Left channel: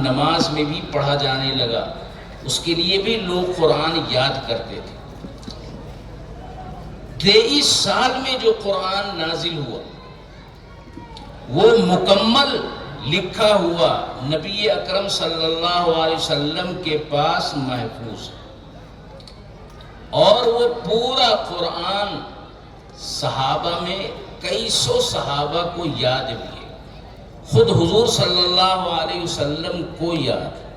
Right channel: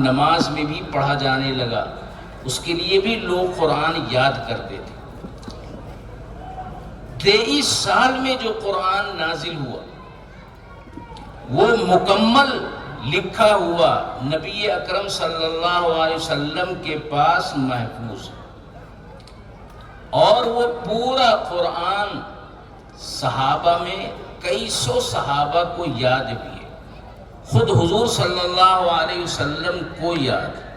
نماز میں بھی پڑھا جانے لگا، اس کے لیے بھی لوگ قرآن یاد کرتے تھے۔ 23 سال میں جو قرآن نازل ہوا وہ مکمل لکھا ہوا نبی اکرم صلی اللہ علیہ وسلم کے پاس محفوظ ہے، اور وہ پورا قرآن صحابہ میں کئی سو صحابہ کو یاد بھی ہے، خود حضور صلی اللہ علیہ وسلم کو یاد ہے۔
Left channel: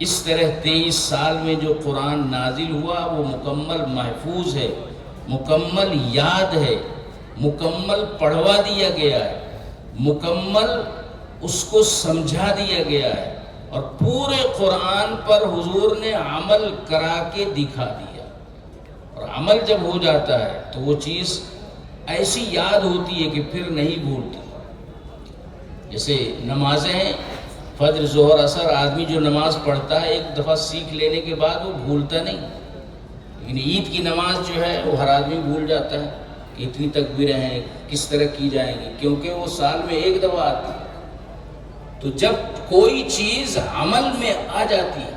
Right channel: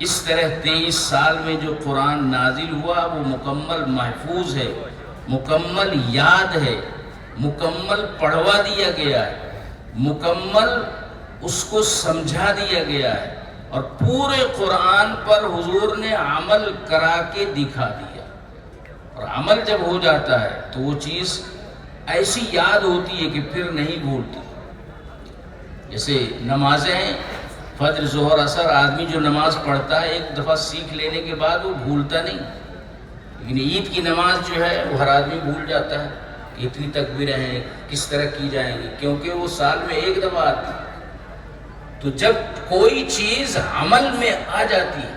اس طرح 23 سال میں جو قرآن نازل ہوا وہ مکمل محفوظ ہے، مکمل یاد ہے، مکمل پڑھوا دیا گیا ہے، مکمل اس کو سمجھا دیا گیا ہے، اور پورے قرآن پر حضور نے عمل کرا کے دکھا دیا۔ اور عمل جب ہو جاتا ہے تو وہ چیز ایسی یاد ہوتی ہے کہ پھر نہیں بھولتی۔ جیسے نمازیں ہیں، فجر ظہر عصر، آدمی جو نماز پڑھتا ہے ایک دفعہ سیکھ لینے کے بعد وہ بھولتا نہیں، لیکن عید کی نماز جو ہے وہ ہر آدمی بھول جاتا ہے کہ اتنی تکبیریں ہیں کس طرح کی جائیں گی، کیونکہ وہ سال میں ایک دفعہ آتی ہے۔ تو جب کوئی چیز عمل میں آ جاتی ہے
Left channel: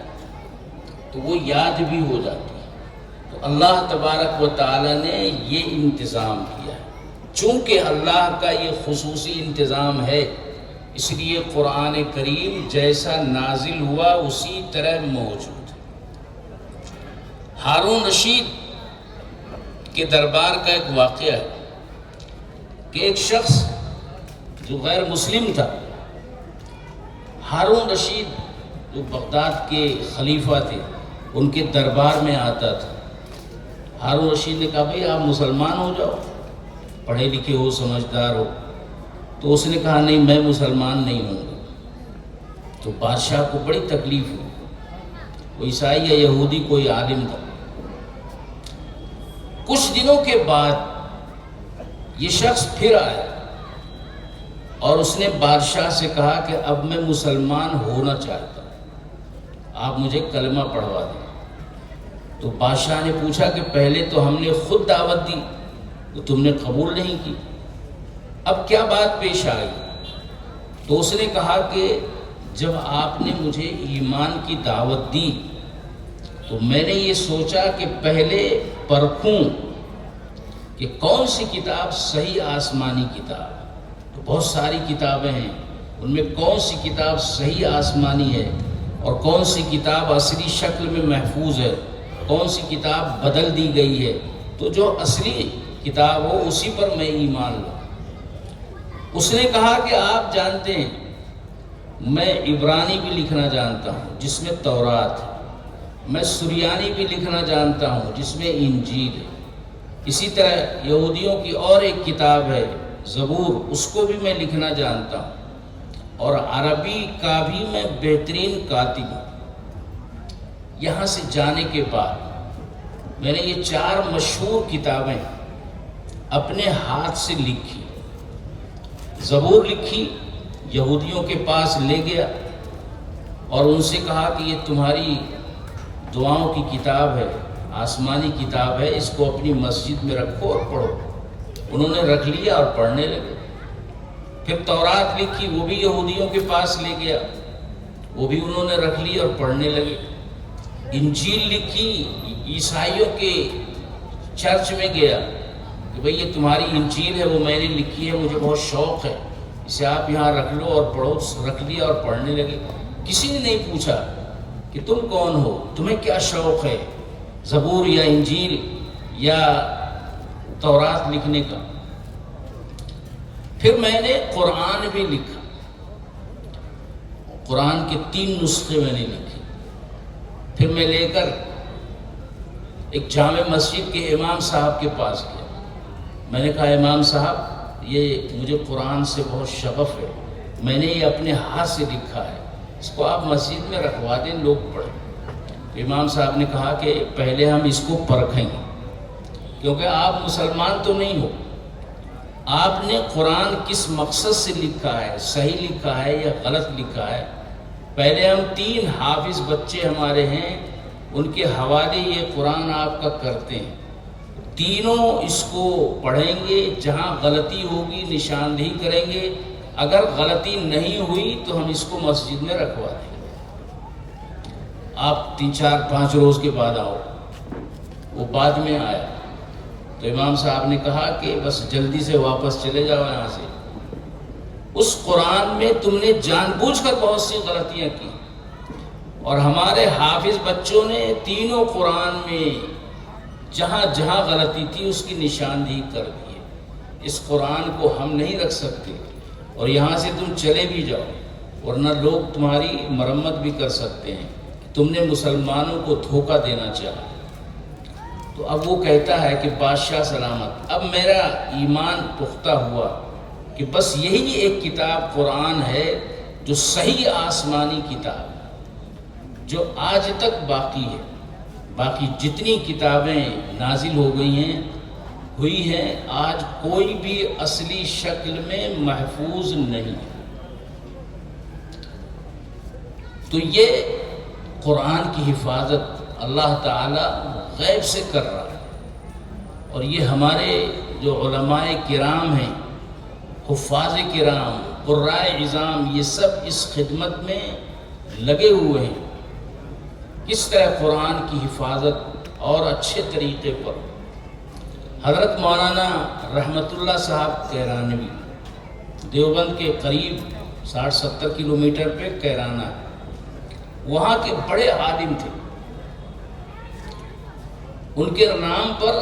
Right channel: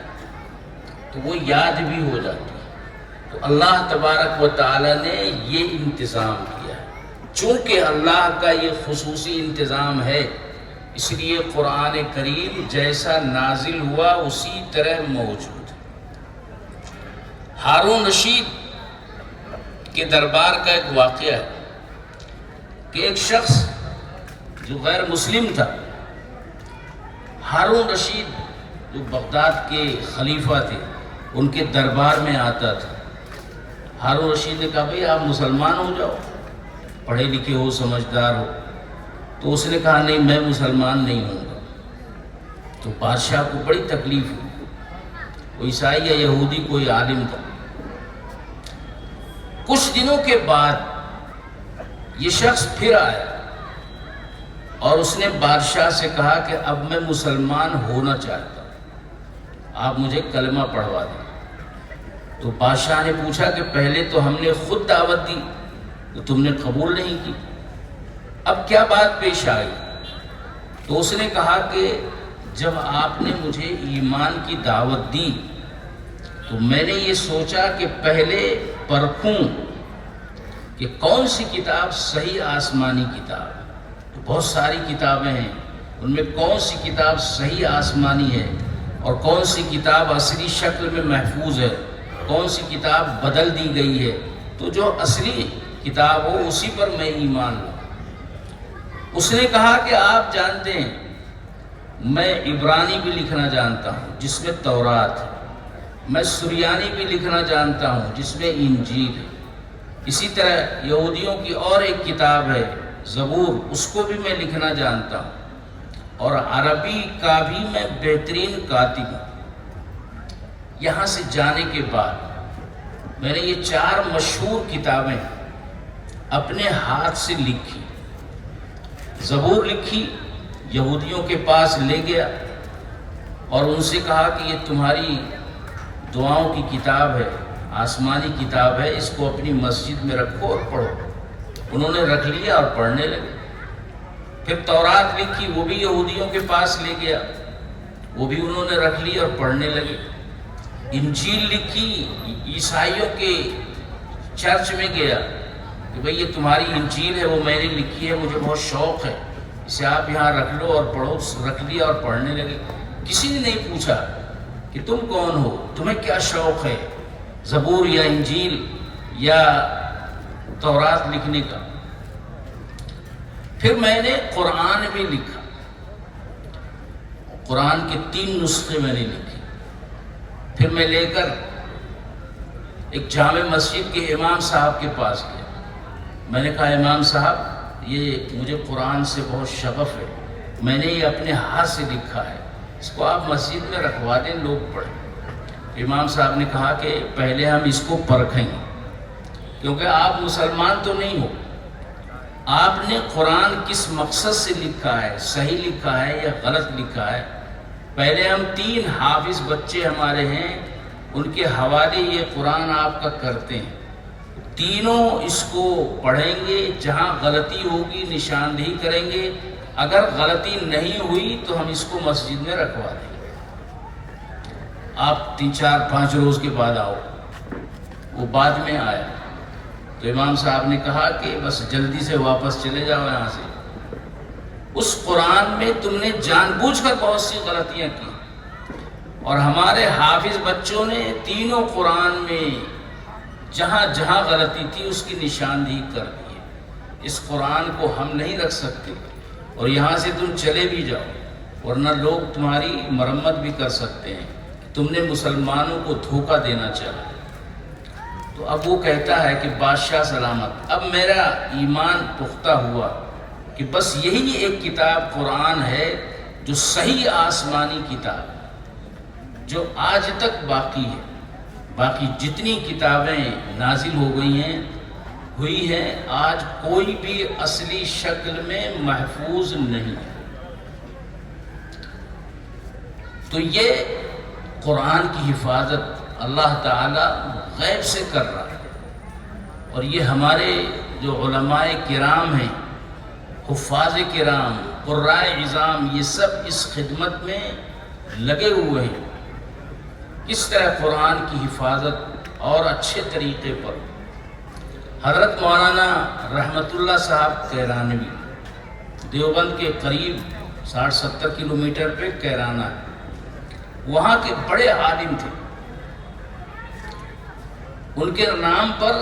تو وہ یاد بھی ہو جاتی ہے۔ تو اللہ تبارک و تعالی نے یہ انتظام کیا ہے، چونکہ اللہ کا یہ خصوصی انتظام ہے، اس لیے قرآن کریم جیسا نازل ہوا اسی طرح موجود ہے۔ ہارون رشید کے دربار کا ایک واقعہ ہے کہ ایک شخص جو غیر مسلم تھا، ہارون رشید جو بغداد کے خلیفہ تھے، ان کے دربار میں آتا تھا۔ ہارون رشید نے کہا بھئی آپ مسلمان ہو جاؤ، پڑھے لکھے ہو، سمجھدار ہو۔ تو اس نے کہا نہیں، میں مسلمان نہیں ہوں گا۔ تو بادشاہ کو بڑی تکلیف ہوئی، کوئی عیسائی یا یہودی کوئی عالم تھا۔ کچھ دنوں کے بعد یہ شخص پھر آیا اور اس نے بادشاہ سے کہا کہ اب میں مسلمان ہونا چاہتا ہوں، آپ مجھے کلمہ پڑھوا دیں۔ تو بادشاہ نے پوچھا کہ پہلے تو ہم نے خود دعوت دی تو تم نے قبول نہیں کی، اب کیا بات پیش آئی؟ تو اس نے کہا کہ جب آپ نے مجھے ایمان کی دعوت دی تو میں نے یہ سوچا کہ پہلے پرکھوں کہ کون سی کتاب صحیح آسمانی کتاب ہے۔ تو بہت ساری کتابیں ہیں، ان میں کون سی کتاب صحیح آسمانی ہے اور کون سی کتاب اصلی شکل میں محفوظ ہے، کون سی کتاب بدل دی گئی ہے۔ تو جو اصلی کتاب ہو اسی پر میں ایمان لاؤں۔ اس نے کہا کہ آپ جانتے ہیں میں عبرانی بھی لکھنا جانتا ہوں جس میں تورات ہے، میں سریانی بھی لکھنا جانتا ہوں جس میں انجیل ہے، اسی طرح یہودیوں کی اور ایک کتاب ہے زبور، اس کو بھی میں لکھنا جانتا ہوں، اور عربی کا بھی میں بہترین کاتب ہوں۔ یہاں سے جانے کے بعد میں نے یہ 4 مشہور کتابیں اپنے ہاتھ سے لکھی۔ زبور لکھی، یہودیوں کے پاس لے گیا اور ان سے کہا کہ یہ تمہاری دعاؤں کی کتاب ہے، آسمانی کتاب ہے، اس کو اپنی مسجد میں رکھو اور پڑھو۔ انہوں نے رکھ لیا اور پڑھنے لگے۔ پھر تورات لکھی، وہ بھی یہودیوں کے پاس لے گیا، وہ بھی انہوں نے رکھ لی اور پڑھنے لگے۔ انجیل لکھی، عیسائیوں کے چرچ میں گیا کہ بھئی یہ تمہاری انجیل ہے، وہ میں نے لکھی ہے، مجھے بہت شوق ہے، اسے آپ یہاں رکھ لو اور پڑھو۔ رکھ لیا اور پڑھنے لگے۔ کسی نے نہیں پوچھا کہ تم کون ہو، تمہیں کیا شوق ہے زبور یا انجیل یا تورات لکھنے کا۔ پھر میں نے قرآن بھی لکھا، قرآن کے 3 نسخے میں نے لکھے۔ پھر میں لے کر ایک جامع مسجد کے امام صاحب کے پاس گیا۔ میں نے کہا امام صاحب یہ مجھے قرآن سے بہت شغف ہے، میں نے یہ اپنے ہاتھ سے لکھا ہے، اس کو آپ مسجد میں رکھوا دیں، لوگ پڑھیں۔ امام صاحب نے کہا کہ پہلے ہم اس کو پرکھیں گے، کیونکہ آپ مسلمان تو نہیں ہو، آپ نے قرآن کس مقصد سے لکھا ہے، صحیح لکھا ہے یا غلط لکھا ہے۔ پہلے ہم 3 حافظ بچے ہمارے ہیں، ان کے حوالے یہ قرآن آپ کا کرتے ہیں، تینوں اس کو پڑھیں گے، جہاں غلطی ہوگی نشاندہی کریں گے، اگر غلطی نہیں ہوئی تو ہم اس کو مسجد میں رکھوا دیں گے، آپ 3 4 5 روز کے بعد آؤ۔ وہ بعد میں آیا تو امام صاحب نے کہا کہ بس جلدی سے واپس چلے جاؤ یہاں سے، اس قرآن میں تم نے جان بوجھ کر بہت سی غلطیاں کی، اور ہمارے حافظ بچوں نے تینوں قرآن میں جہاں جہاں غلطی تھی اس کی نشاندہی کر دی ہے۔ اس قرآن کو ہم نہیں رکھ سکتے، اور یہاں سے تم چلے بھی جاؤ، ورنہ لوگ تمہاری مرمت بھی کر سکتے ہیں، تم نے مسلمانوں کو دھوکہ دینا چاہا۔ تو اب وہ کہتا ہے کہ بادشاہ سلامت، اب میرا ایمان پختہ ہوا کہ بس یہی ایک کتاب قرآن ہے جو صحیح آسمانی کتاب ہے، جو آج تک باقی ہے۔ باقی جتنی کتابیں نازل ہو گئی ہیں ہوئی ہیں، آج کوئی بھی اصلی شکل میں محفوظ نہیں ہے۔ تو یہ قرآن کی حفاظت اللہ تعالی غیب سے کر رہا ہے، اور یہ ہمارے جو علماء کرام ہیں، حفاظ کرام، قراء عظام، یہ سب اس خدمت میں لگے ہوئے ہیں، کس طرح قرآن کی حفاظت اور اچھے طریقے پر۔ حضرت مولانا رحمت اللہ صاحب کیرانوی، دیوبند کے قریب 60-70 کلومیٹر پہ کیرانہ ہے، وہاں کے بڑے عالم تھے۔ ان کے نام پر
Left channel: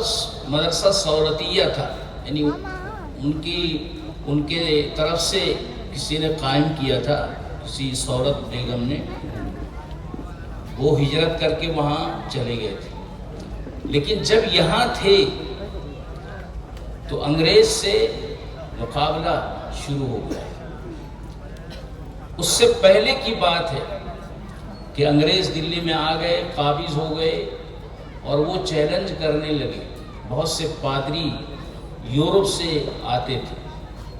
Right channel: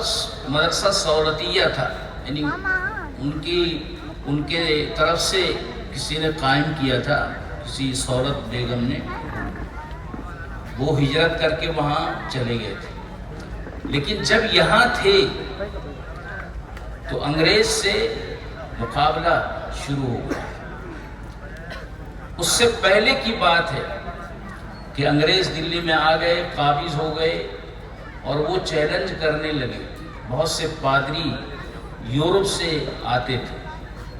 مدرسہ سورتیہ تھا، یعنی ان کے طرف سے کسی نے قائم کیا تھا، کسی سورت بیگم نے، وہ ہجرت کر کے وہاں چلے گئے تھے، لیکن جب یہاں تھے تو انگریز سے مقابلہ شروع ہو گیا۔ اس سے پہلے کی بات ہے کہ انگریز دلی میں آ گئے، قابض ہو گئے، اور وہ چیلنج کرنے لگے۔ بہت سے پادری یورپ سے آتے تھے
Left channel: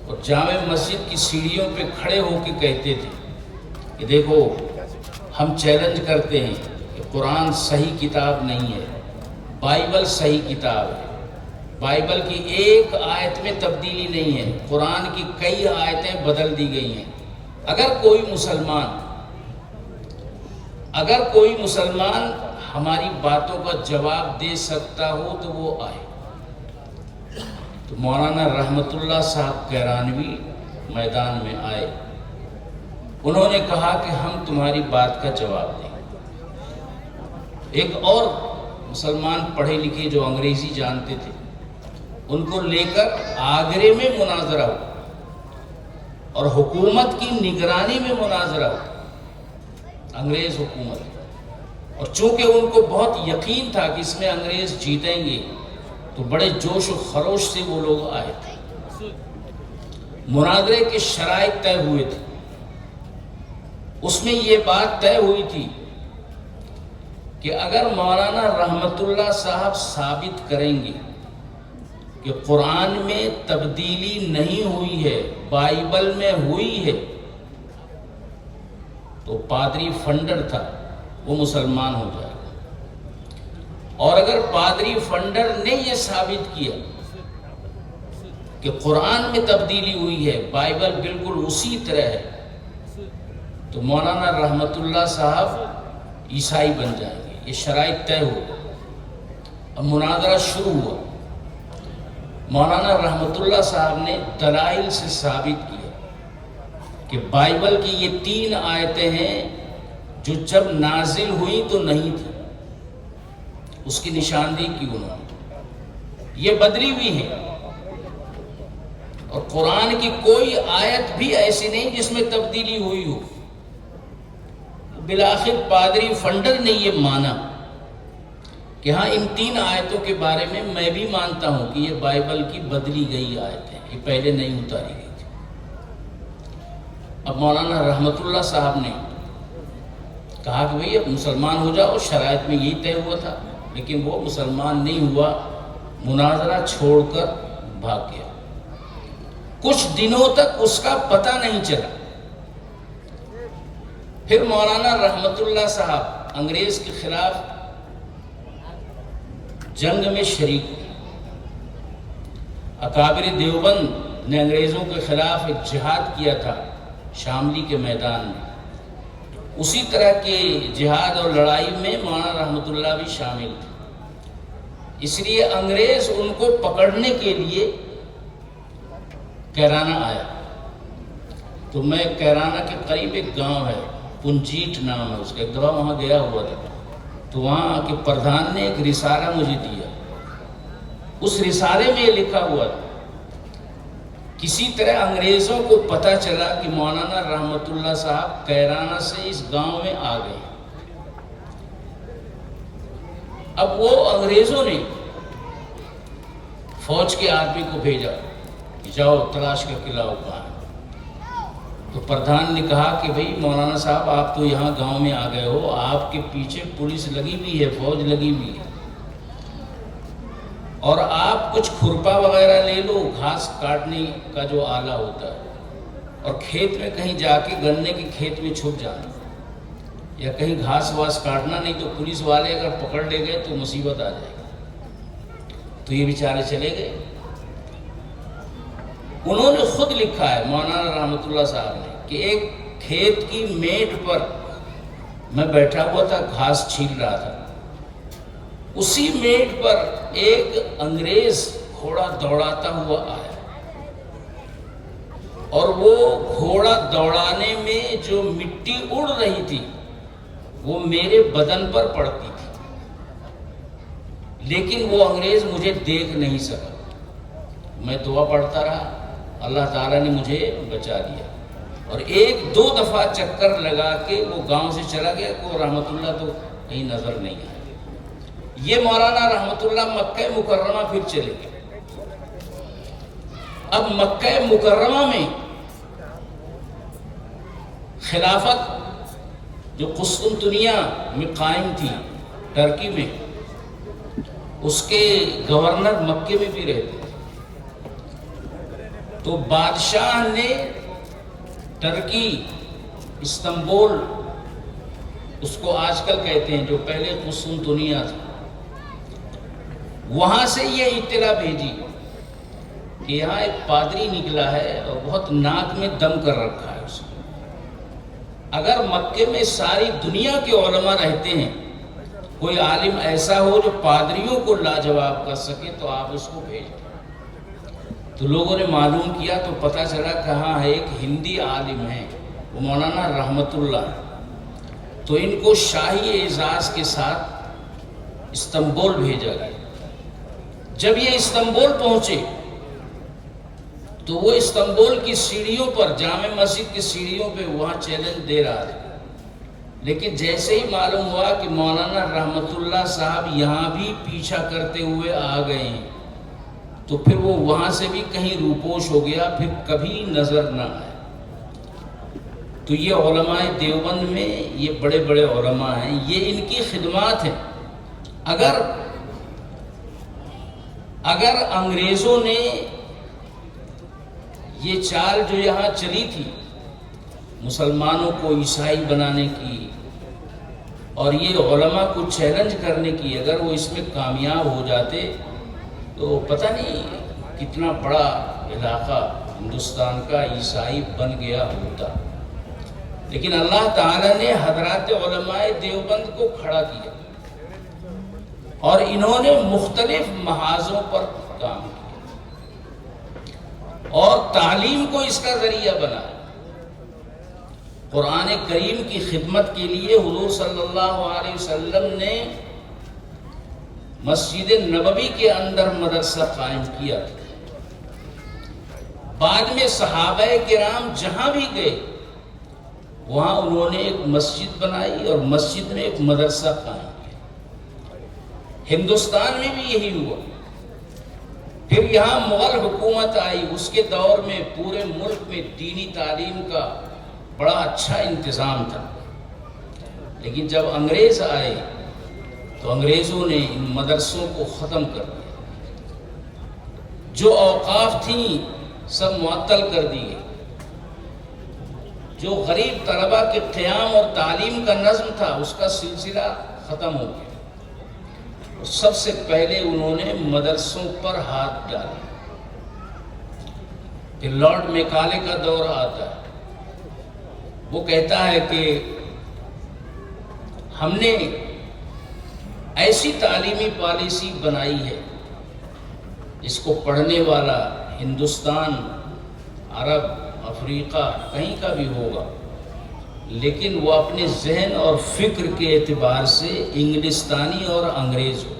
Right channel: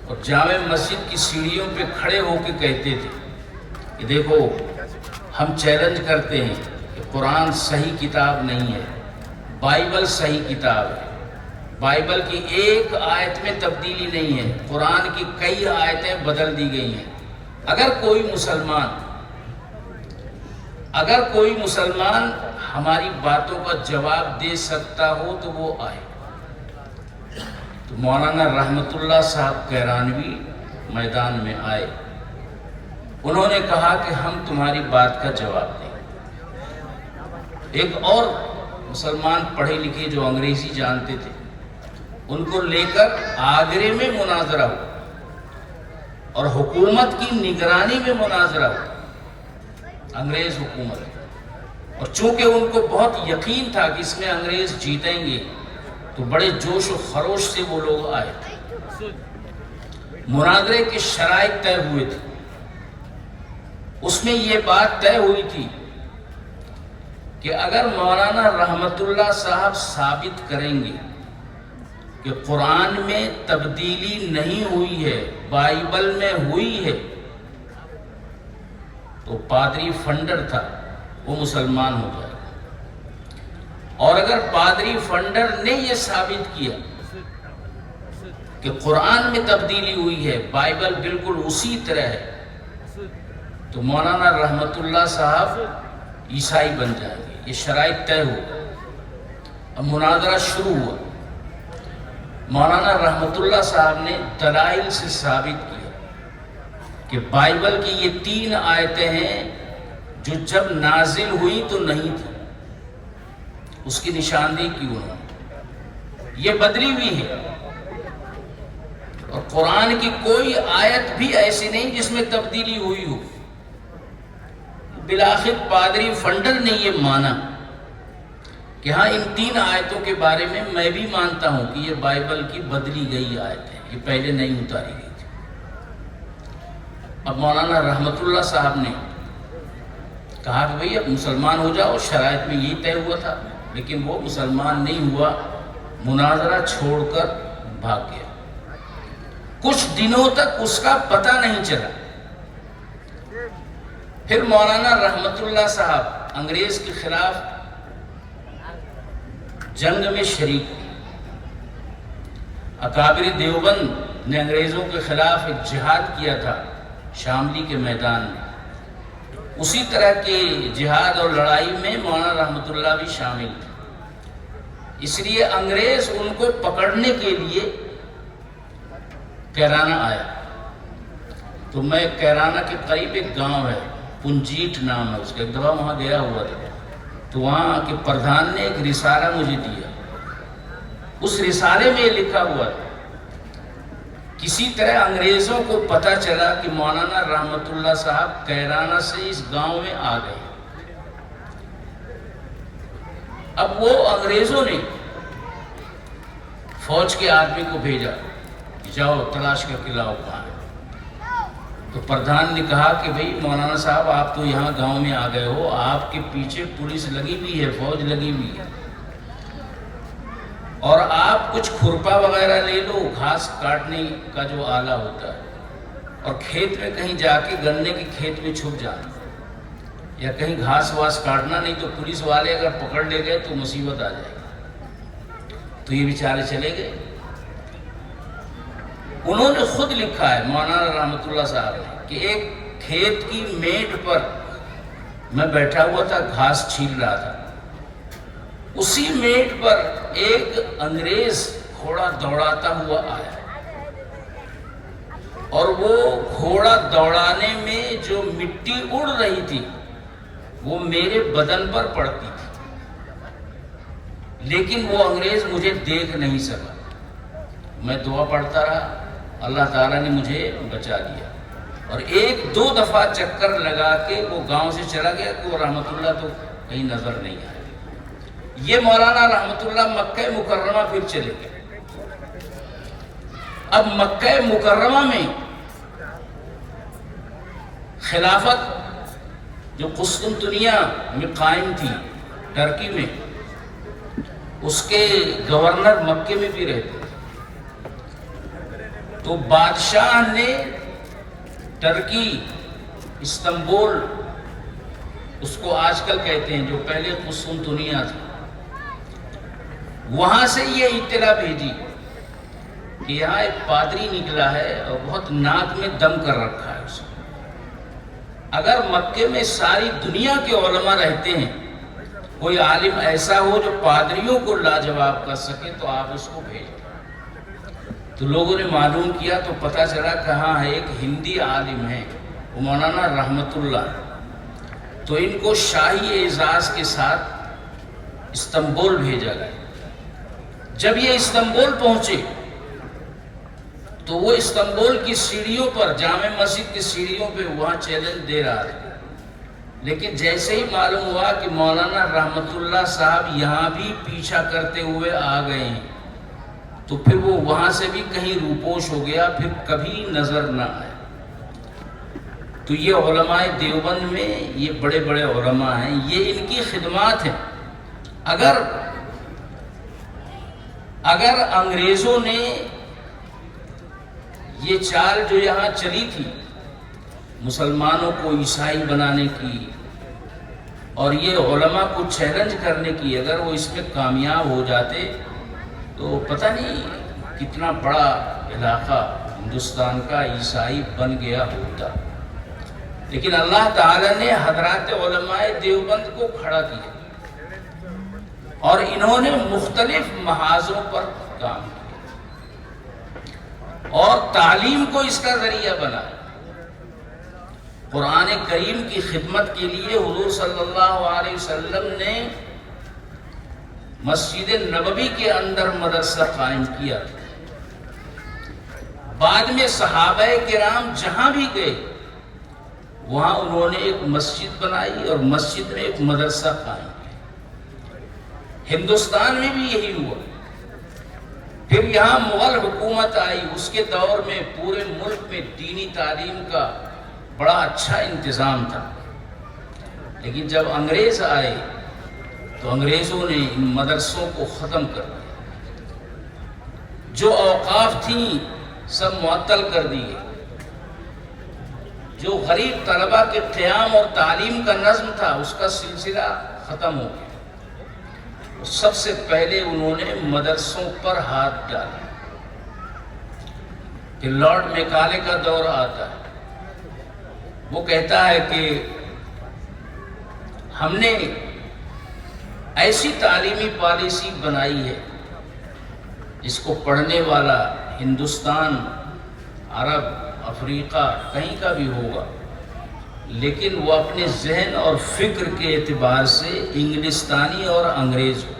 اور جامع مسجد کی سیڑھیوں پہ کھڑے ہو کے کہتے تھے کہ دیکھو ہم چیلنج کرتے ہیں کہ قرآن صحیح کتاب نہیں ہے، بائبل صحیح کتاب ہے، بائبل کی ایک آیت میں تبدیلی نہیں ہے، قرآن کی کئی آیتیں بدل دی گئی ہیں۔ اگر کوئی مسلمان ہماری باتوں کا جواب دے سکتا ہو تو وہ آئے۔ تو مولانا رحمت اللہ صاحب کیرانوی میدان میں آئے، انہوں نے کہا کہ ہم تمہاری بات کا جواب دیں۔ ایک اور مسلمان پڑھے لکھے جو انگریزی جانتے تھے، ان کو لے کر آگرے میں مناظرہ ہوا، اور حکومت کی نگرانی میں مناظرہ ہوا، انگریز حکومت۔ اور چونکہ ان کو بہت یقین تھا کہ اس میں انگریز جیتیں گے، تو بڑے جوش و خروش سے وہ لوگ آئے تھے۔ مناظرے کے شرائط طے ہوئے تھے، اس میں یہ بات طے ہوئی تھی کہ اگر مولانا رحمت اللہ صاحب ثابت کریں گے کہ قرآن میں تبدیلی نہیں ہوئی ہے، بائبل میں ہوئی ہے، تو پادری فنڈر تھا وہ مسلمان ہو جائے گا، اور اگر پادری فنڈر نے یہ ثابت کیا کہ قرآن میں تبدیلی ہوئی ہے، بائبل بالکل اسی طرح ہے، تو مولانا رحمت اللہ صاحب عیسائی بن جائیں گے۔ یہ شرائط طے ہو۔ اب مناظرہ شروع ہوا۔ مولانا رحمت اللہ صاحب نے دلائل سے ثابت کیا کہ بائبل کی یہ 3 آیتیں ہیں جو جب نازل ہوئی تو نہیں تھی، اس کی نشاندہی کی انہوں نے، یہ بدلی ہوئی ہے، اور قرآن کی کوئی آیت بھی ایسی نہیں جس میں تبدیلی ہوئی ہو۔ بالآخر پادری فنڈر نے یہ مانا کہ ہاں ان 3 آیتوں کے بارے میں میں بھی مانتا ہوں کہ یہ بائبل کی بدلی گئی آیت ہے، یہ پہلے نہیں اتاری گئی تھی۔ اب مولانا رحمت اللہ صاحب نے کہا کہ بھئی اب مسلمان ہو جاؤ، شرائط میں یہی طے ہوا تھا، لیکن وہ مسلمان نہیں ہوا، مناظرہ چھوڑ کر بھاگ گیا۔ کچھ دنوں تک اس کا پتہ نہیں چلا۔ پھر مولانا رحمت اللہ صاحب انگریز کے خلاف جنگ میں شریک ہوئے۔ اکابر دیوبند نے انگریزوں کے خلاف ایک جہاد کیا تھا شاملی کے میدان میں، اسی طرح کے جہاد اور لڑائی میں مولانا رحمت اللہ بھی شامل تھے۔ اس لیے انگریز ان کو پکڑنے کے لیے کیرانہ آیا، تو میں کیرانہ کے قریب ایک گاؤں ہے، پنجیٹ نام ہے اس کا، ایک دفعہ وہاں گیا ہوا تھا، تو وہاں کے پردھان نے ایک رسالہ مجھے دیا۔ اس رسالے میں یہ لکھا ہوا تھا، کسی طرح انگریزوں کو پتہ چلا کہ مولانا رحمت اللہ صاحب کیرانہ سے اس گاؤں میں آ گئے۔ اب وہ انگریزوں نے فوج کے آدمی کو بھیجا کہ جاؤ تلاش کر کے لاؤ کہاں ہے۔ تو پردھان نے کہا کہ بھئی مولانا صاحب آپ تو یہاں گاؤں میں آ گئے ہو، آپ کے پیچھے پولیس لگی ہوئی ہے، فوج لگی ہوئی ہے، اور آپ کچھ کھرپا وغیرہ لے لو، گھاس کاٹنے کا جو آلہ ہوتا ہے، اور کھیت میں کہیں جا کے گنے کے کھیت میں چھپ جانا، یا کہیں گھاس واس کاٹنا، نہیں تو پولیس والے اگر پکڑ لے گئے تو مصیبت آ جائے گی۔ تو یہ بیچارے چلے گئے۔ انہوں نے خود لکھا ہے مولانا رحمت اللہ صاحب نے کہ ایک کھیت کی میٹ پر میں بیٹھا ہوا تھا، گھاس چھیل رہا تھا، اسی میٹ پر ایک انگریز گھوڑا دوڑاتا ہوا آیا، اور وہ گھوڑا دوڑانے میں جو مٹی اڑ رہی تھی وہ میرے بدن پر پڑتی تھی، لیکن وہ انگریز مجھے دیکھ نہیں سکا۔ میں دعا پڑھتا رہا، اللہ تعالیٰ نے مجھے بچا لیا، اور ایک دو دفعہ چکر لگا کے وہ گاؤں سے چلا گیا کہ وہ رحمت اللہ تو کہیں نظر نہیں آیا۔ یہ مولانا رحمت اللہ مکہ مکرمہ پھر چلے گئے۔ اب مکہ مکرمہ میں خلافت جو قسطنطنیہ میں قائم تھی ترکی میں، اس کے گورنر مکے میں بھی رہتے تھے، تو بادشاہ نے ترکی استنبول، اس کو آج کل کہتے ہیں، جو پہلے قسطنطنیہ تھا، وہاں سے یہ اطلاع بھیجی کہ یہاں ایک پادری نکلا ہے اور بہت ناک میں دم کر رکھا ہے اس نے۔ اگر مکے میں ساری دنیا کے علماء رہتے ہیں، کوئی عالم ایسا ہو جو پادریوں کو لاجواب کر سکے تو آپ اس کو بھیج دیں۔ تو لوگوں نے معلوم کیا تو پتہ چلا کہاں ہے، ایک ہندی عالم ہے، وہ مولانا رحمت اللہ، تو ان کو شاہی اعزاز کے ساتھ استنبول بھیجا گیا۔ جب یہ استنبول پہنچے تو وہ استنبول کی سیڑھیوں پر، جامع مسجد کی سیڑھیوں پہ وہاں چیلنج دے رہا تھا، لیکن جیسے ہی معلوم ہوا کہ مولانا رحمت اللہ صاحب یہاں بھی پیچھا کرتے ہوئے آ گئے ہیں، تو پھر وہ وہاں سے بھی کہیں روپوش ہو گیا، پھر کبھی نظر نہ آیا۔ تو یہ علماء دیوبند میں یہ بڑے بڑے علماء ہیں، یہ ان کی خدمات ہیں۔ اگر انگریزوں نے یہ چال جو یہاں چلی تھی مسلمانوں کو عیسائی بنانے کی اور یہ علماء کو چیلنج کرنے کی، اگر وہ اس میں کامیاب ہو جاتے تو پتہ نہیں کتنا بڑا علاقہ ہندوستان کا عیسائی بن گیا ہوتا، لیکن اللہ تعالیٰ نے حضرات علماء دیوبند کو کھڑا کیا اور انہوں نے مختلف محاذوں پر کام کیا اور تعلیم کو اس کا ذریعہ بنایا۔ قرآن کریم کی خدمت کے لیے حضور صلی اللہ علیہ وسلم نے مسجد نبوی کے اندر مدرسہ قائم کیا، بعد میں صحابہ کرام جہاں بھی گئے وہاں انہوں نے ایک مسجد بنائی اور مسجد میں ایک مدرسہ قائم کیا۔ ہندوستان میں بھی یہی ہوا۔ پھر یہاں مغل حکومت آئی، اس کے دور میں پورے ملک میں دینی تعلیم کا بڑا اچھا انتظام تھا، لیکن جب انگریز آئے تو انگریزوں نے ان مدرسوں کو ختم کر دیا، جو اوقاف تھیں سب معطل کر دیے، جو غریب طلبہ کے قیام اور تعلیم کا نظم تھا اس کا سلسلہ ختم ہو گیا۔ سب سے پہلے انہوں نے مدرسوں پر ہاتھ ڈالا پھر لارڈ میکالے کا دور آتا ہے، وہ کہتا ہے کہ ہم نے ایسی تعلیمی پالیسی بنائی ہے جس کو پڑھنے والا ہندوستان، عرب، افریقہ کہیں کا بھی ہوگا، لیکن وہ اپنے ذہن اور فکر کے اعتبار سے انگلستانی اور انگریز ہو،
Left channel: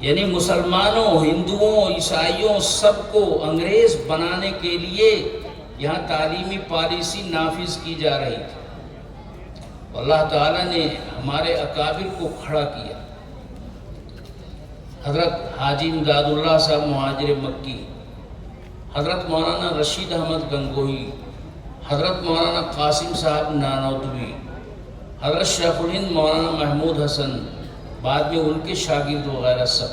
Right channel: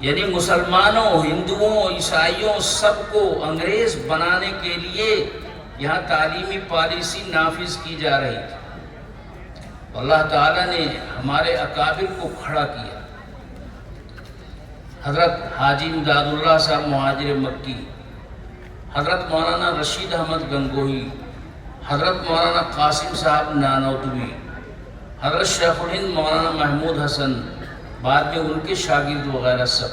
یعنی مسلمانوں، ہندوؤں، عیسائیوں سب کو انگریز بنانے کے لیے یہاں تعلیمی پالیسی نافذ کی جا رہی تھی۔ اللہ تعالیٰ نے ہمارے اکابر کو کھڑا کیا، حضرت حاجی امداد اللہ صاحب مہاجر مکی، حضرت مولانا رشید احمد گنگوہی، حضرت مولانا قاسم صاحب نانوتوی، حضرت شیخ الہند مولانا محمود حسن، بعد میں ان کے شاگرد وغیرہ سب،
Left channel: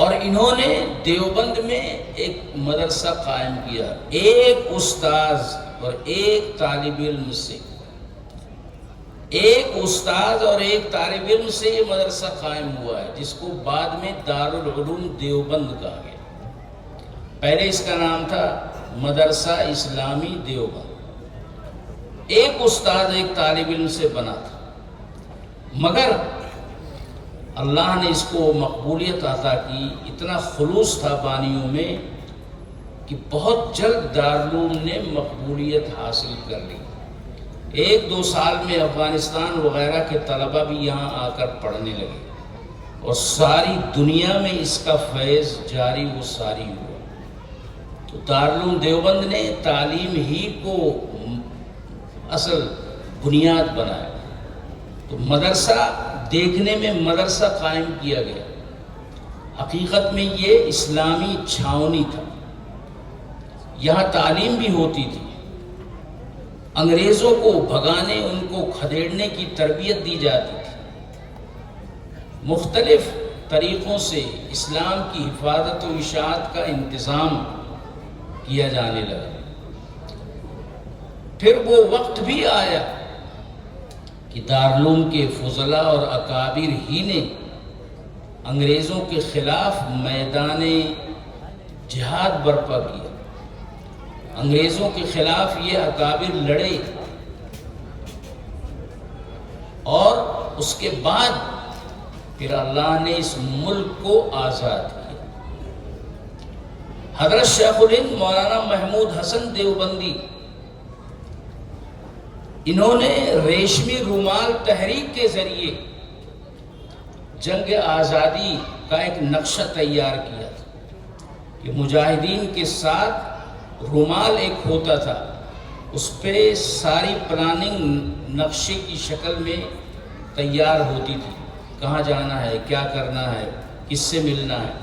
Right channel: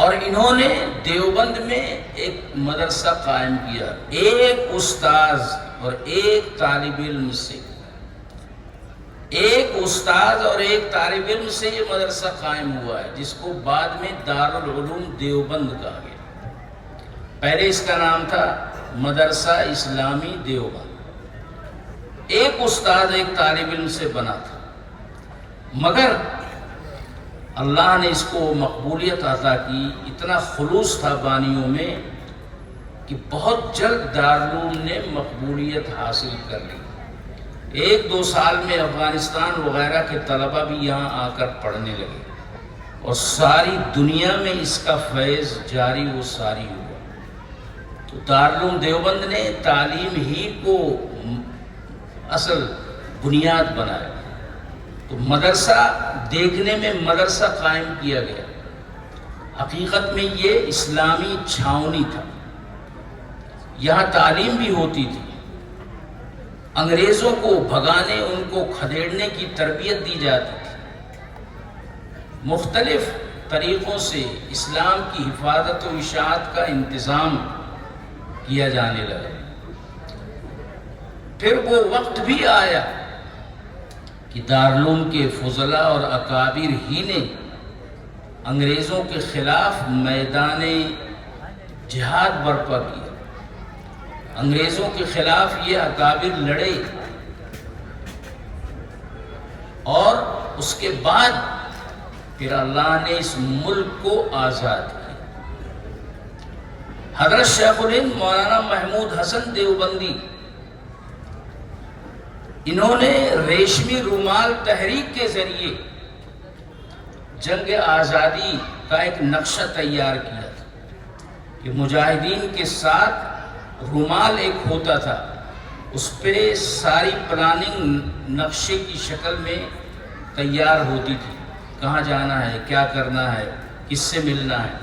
اور انہوں نے دیوبند میں ایک مدرسہ قائم کیا، ایک استاذ اور ایک طالب علم سے، ایک استاذ اور ایک طالب علم سے یہ مدرسہ قائم ہوا ہے، جس کو بعد میں دارالعلوم دیوبند کہا گیا۔ پہلے اس کا نام تھا مدرسہ اسلامی دیوبند، ایک استاذ ایک طالب علم سے بنا تھا، مگر اللہ نے اس کو مقبولیت عطا کی، اتنا خلوص تھا بانیوں میں کہ بہت جلد دارالعلوم نے مقبولیت حاصل کر لی۔ 1-2 سال میں افغانستان وغیرہ کے طلبہ بھی یہاں آ کر پڑھنے لگے، اور ساری دنیا میں اس کا فیض جاری و ساری ہوا۔ تو دارالعلوم دیوبند نے تعلیم ہی کو اصل بنیاد بنایا۔ تو مدرسہ دیکھنے میں مدرسہ قائم کیا گیا، حقیقت میں یہ اسلامی چھاؤنی تھا، یہاں تعلیم بھی ہوتی تھی، انگریزوں کو بھگانے، ان کو کھدیڑنے کی تربیت دی جاتی تھی، مختلف طریقوں سے اسلام کی حفاظت و اشاعت کا انتظام کیا جانے لگا۔ پھر وہ وقت بھی آیا کہ دارالعلوم کے فضلاء اور اکابر ہی نے انگریزوں کے خلاف میدان جہاد برپا کیا، انگریزوں کے خلاف یہ اکابر لڑے، اور اس کے بعد پھر اللہ نے اس ملک کو آزاد کیا۔ حضرت شیخ الہند مولانا محمود حسن دیوبندی، انہوں نے ریشمی رومال تحریک کے ذریعے جنگ آزادی کا ایک نقشہ تیار کیا تھا کہ مجاہدین کے ساتھ رومال ایک ہوتا تھا، اس پہ ساری پلاننگ نقشے کی شکل میں تیار ہوتی تھی، کہاں جانا ہے، کیا کرنا ہے، کس سے ملنا ہے۔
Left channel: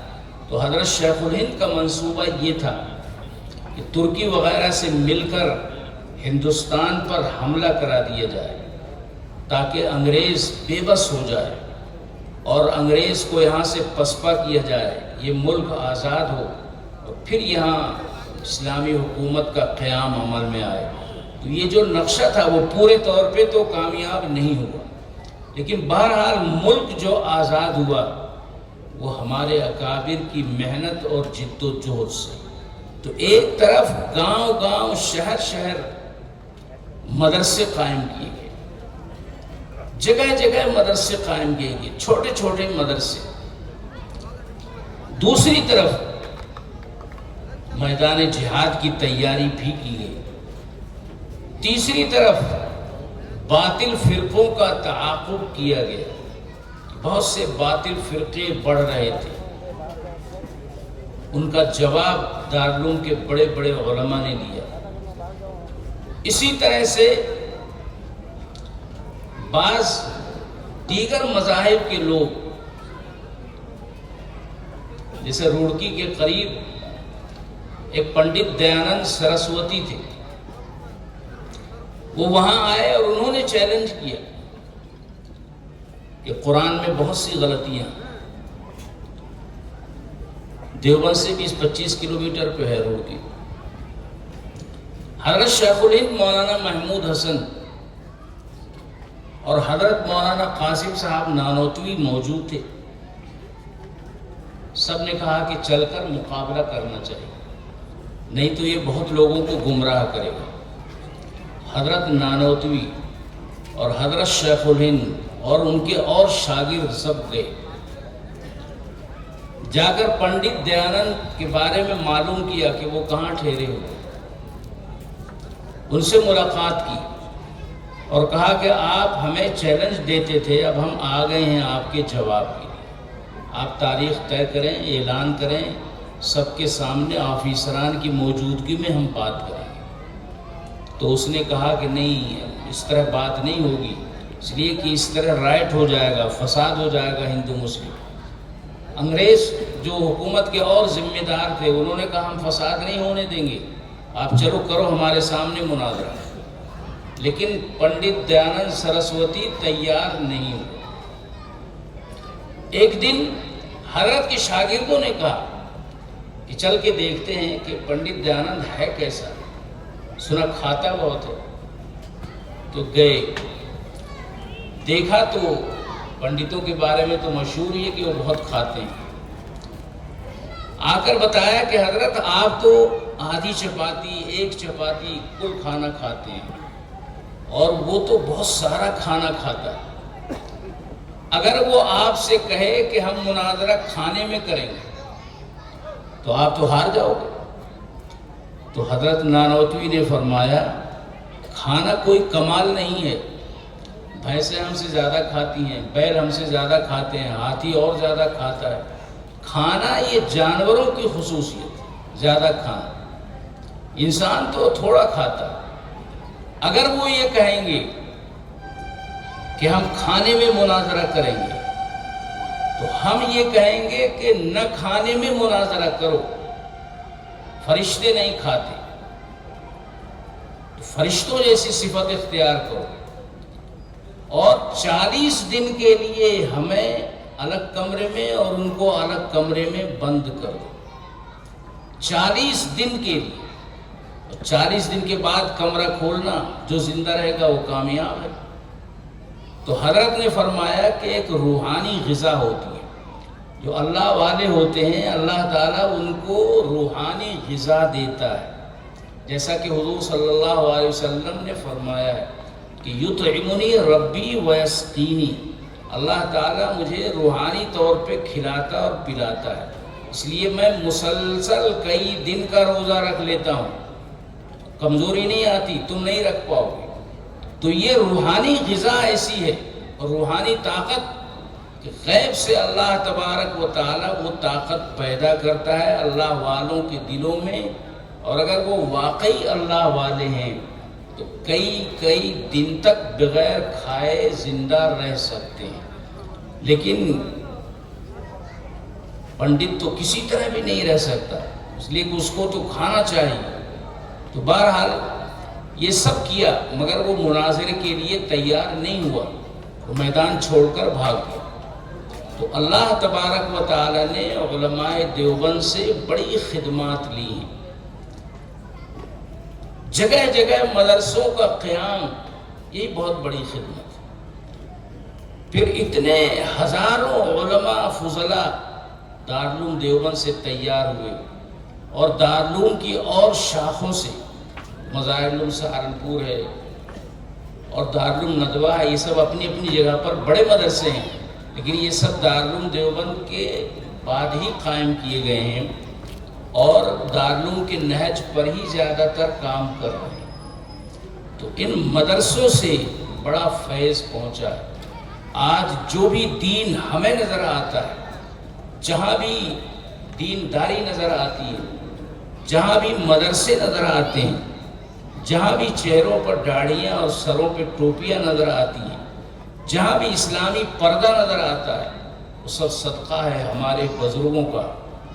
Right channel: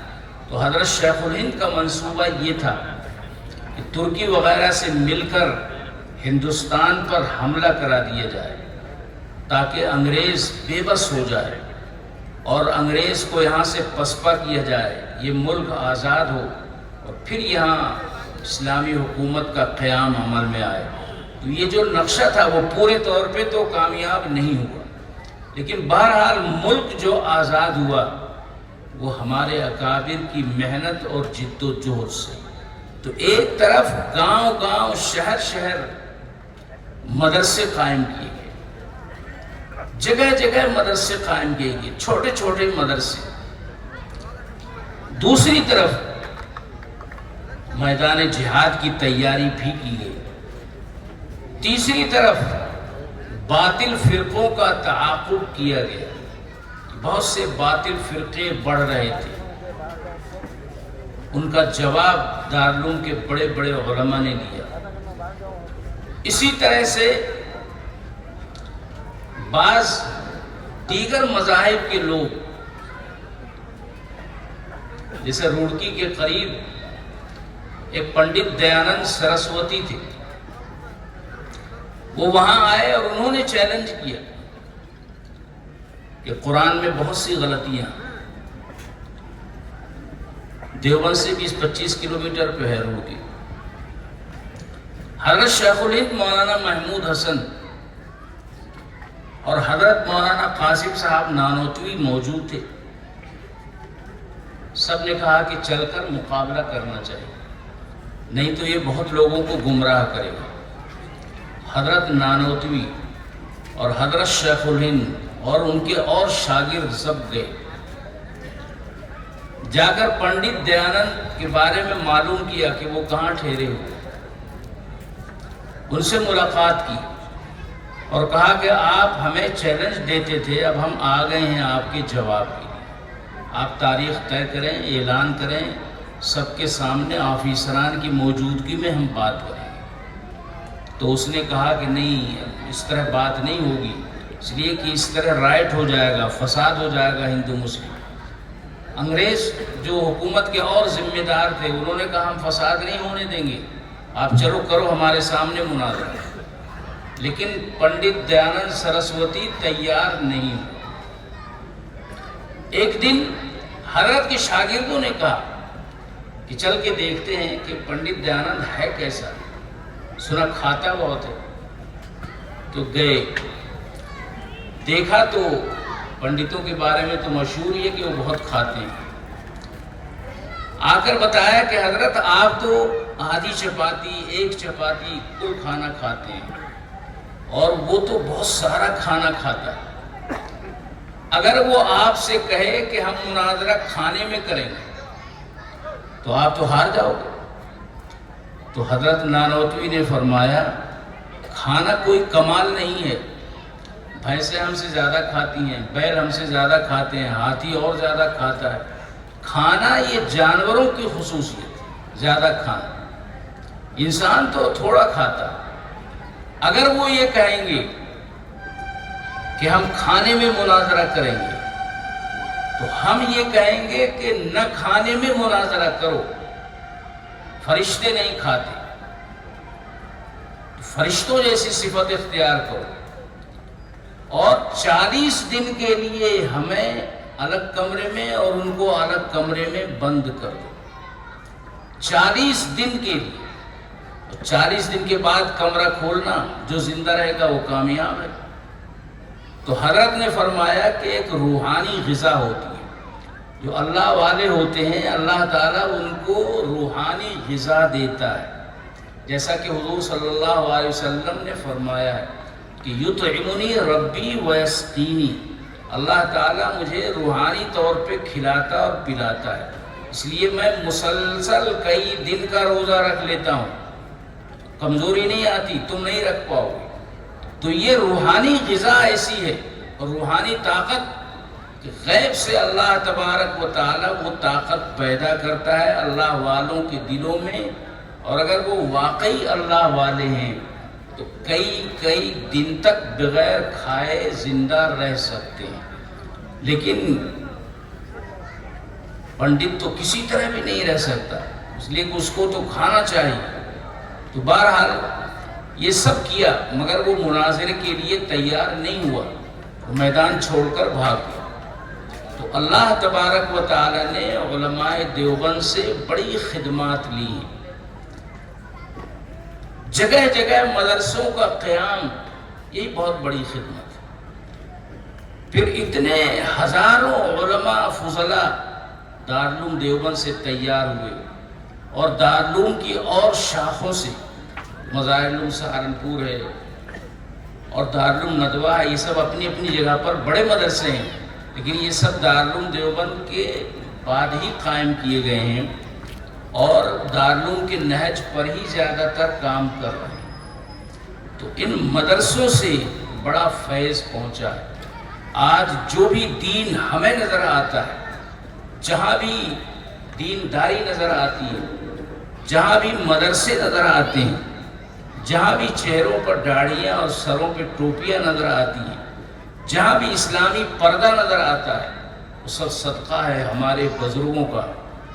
تو حضرت شیخ الہند کا منصوبہ یہ تھا کہ ترکی وغیرہ سے مل کر ہندوستان پر حملہ کرا دیا جائے، تاکہ انگریز بے بس ہو جائے اور انگریز کو یہاں سے پسپا کیا جائے، یہ ملک آزاد ہو، اور پھر یہاں اسلامی حکومت کا قیام عمل میں آئے۔ تو یہ جو نقشہ تھا وہ پورے طور پہ تو کامیاب نہیں ہوا، لیکن بہرحال ملک جو آزاد ہوا وہ ہمارے اکابر کی محنت اور جد و جہد سے۔ تو ایک طرف گاؤں گاؤں، شہر شہر مدرسے قائم کیے گئے، جگہ جگہ مدرسے قائم کیے گئے، چھوٹے چھوٹے مدرسے۔ دوسری طرف میدان جہاد کی تیاری بھی کی گئی۔ تیسری طرف باطل فرقوں کا تعاقب کیا گیا، بہت سے باطل فرقے بڑھ رہے تھے، ان کا جواب دارالعلوم کے بڑے بڑے علماء نے دیا۔ اسی طرح سے بعض دیگر مذاہب کے لوگ، جیسے روڑکی کے قریب ایک پنڈت دیانند سرسوتی تھے، وہ وہاں آئے اور انہوں نے چیلنج کیا کہ قرآن میں بہت سی غلطیاں، دیوبند سے 20-25 کلومیٹر پہ ہے روڑکی۔ حضرت شیخ الہند مولانا محمود حسن اور حضرت مولانا قاسم صاحب نانوتوی موجود تھے، سب نے کہا کہ چل کر مقابلہ کرنا چاہیے، نہیں تو یہ بہت لوگوں کو گمراہ کرے گا۔ حضرت نانوتوی اور حضرت شیخ الہند اور ان کے اور شاگرد سب گئے، جا کر پنڈت دیانند کے بارے میں معلوم کیا کہ وہ کہاں ٹھہرے ہوئے، ان سے ملاقات کی اور کہا کہ آپ ہمیں چیلنج دیتے تھے، اب ہم آ گئے ہیں آپ کے جواب کے لیے، آپ تاریخ طے کریں، اعلان کریں، سب کے سامنے آفیسران کی موجودگی میں ہم بات کریں گے۔ تو اس نے کہا کہ نہیں، اس طرح بات نہیں ہوگی، اس لیے کہ اس طرح رائٹ ہو جائے گا، فساد ہو جائے گا ہندو مسلم۔ انگریز جو حکومت کے اور ذمہ دار تھے انہوں نے کہا ہم فساد نہیں ہونے دیں گے، آپ چلو کرو ہمارے سامنے مناظرہ۔ لیکن پنڈت دیانند سرسوتی تیار نہیں ہوئے۔ ایک دن حضرت کے شاگردوں نے کہا کہ چل کے دیکھتے ہیں کہ پنڈت دیانند ہے کیسا، سنا کھاتا بہت ہے۔ تو گئے، دیکھا تو پنڈتوں کے بارے میں تو مشہور ہی ہے کہ وہ بہت کھاتے ہیں۔ آ کر بتایا کہ حضرت آپ تو آدھی چپاتی، ایک چپاتی کل کھانا کھاتے ہیں، اور وہ تو بہت سارا کھانا کھاتا ہے۔ اگر وہ آپ سے کہے کہ ہم مناظرہ کھانے میں کریں گے تو آپ تو ہار جاؤ گے۔ تو حضرت نانوتوی نے فرمایا کھانا کوئی کمال نہیں ہے، بھینسیں ہم سے زیادہ کھاتی ہیں، بیل ہم سے زیادہ کھاتے ہیں، ہاتھی اور زیادہ کھاتا ہے۔ کھانا یہ جانوروں کی خصوصیت ہے، زیادہ کھانا، انسان تو تھوڑا کھاتا ہے۔ اگر وہ یہ کہیں گے کہ ہم کھانے میں مناظرہ کریں گے تو ہم یہ کہیں گے کہ نہ کھانے میں مناظرہ کرو، فرشتے نہیں کھاتے، تو فرشتوں جیسی صفت اختیار کرو، اور 40 دن کے لیے ہمیں الگ کمرے میں اور ان کو الگ کمرے میں بند کرو، 40 دن کے لیے۔ 40 دن کے بعد کمرہ کھولنا، جو زندہ رہے گا وہ کامیاب ہے۔ تو حضرت نے فرمایا کہ ایک روحانی غذا ہوتی ہے، جو اللہ والے ہوتے ہیں اللہ تعالیٰ ان کو روحانی غذا دیتا ہے، جیسا کہ حضور صلی اللہ علیہ وسلم نے فرمایا ہے کہ یطعمنی ربی ویسقینی، اللہ تعالیٰ مجھے روحانی طور پہ کھلاتا اور پلاتا ہے، اس لیے میں مسلسل کئی دن کا روزہ رکھ لیتا ہوں، کمزوری نہیں آتی، تم نہیں رکھ پاؤ گے۔ تو یہ روحانی غذا ایسی ہے اور روحانی طاقت کہ غیب سے اللہ تبارک و تعالیٰ وہ طاقت پیدا کرتا ہے اللہ والوں کے دلوں میں، اور اگر وہ واقعی اللہ والے ہیں تو کئی دن تک بغیر کھائے زندہ رہ سکتے ہیں۔ لیکن پنڈت تو کسی طرح بھی نہیں رہ سکتا، اس لیے کہ اس کو تو کھانا چاہیے۔ تو بہرحال یہ سب کیا مگر وہ مناظرے کے لیے تیار نہیں ہوا، وہ میدان چھوڑ کر بھاگ گیا۔ تو اللہ تبارک و تعالی نے علماء دیوبند سے بڑی خدمات لی ہیں، جگہ جگہ مدرسوں کا قیام، یہی بہت بڑی خدمت ہے۔ پھر اتنے ہزاروں علماء فضلاء دارالعلوم دیوبند سے تیار ہوئے، اور دارالعلوم کی اور شاخوں سے، مظاہر سہارنپور ہے اور دارالعلوم ندوہ ہے، یہ سب اپنی اپنی جگہ پر بڑے مدرسے ہیں، لیکن یہ سب دارالعلوم دیوبند کے بعد ہی قائم کیے گئے ہیں، اور دارالعلوم کے نہج پر ہی زیادہ تر کام کر رہے ہیں۔ تو ان مدرسوں سے بڑا فیض پہنچا ہے۔ آج جو بھی دین ہمیں نظر آتا ہے، جہاں بھی دینداری نظر آتی ہے، جہاں بھی مدرسے نظر آتے ہیں، جہاں بھی چہروں پر داڑھیاں اور سروں پہ ٹوپیاں نظر آتی ہیں، جہاں بھی اسلامی پردہ نظر آتا ہے، وہ سب صدقہ ہے ہمارے بزرگوں کا،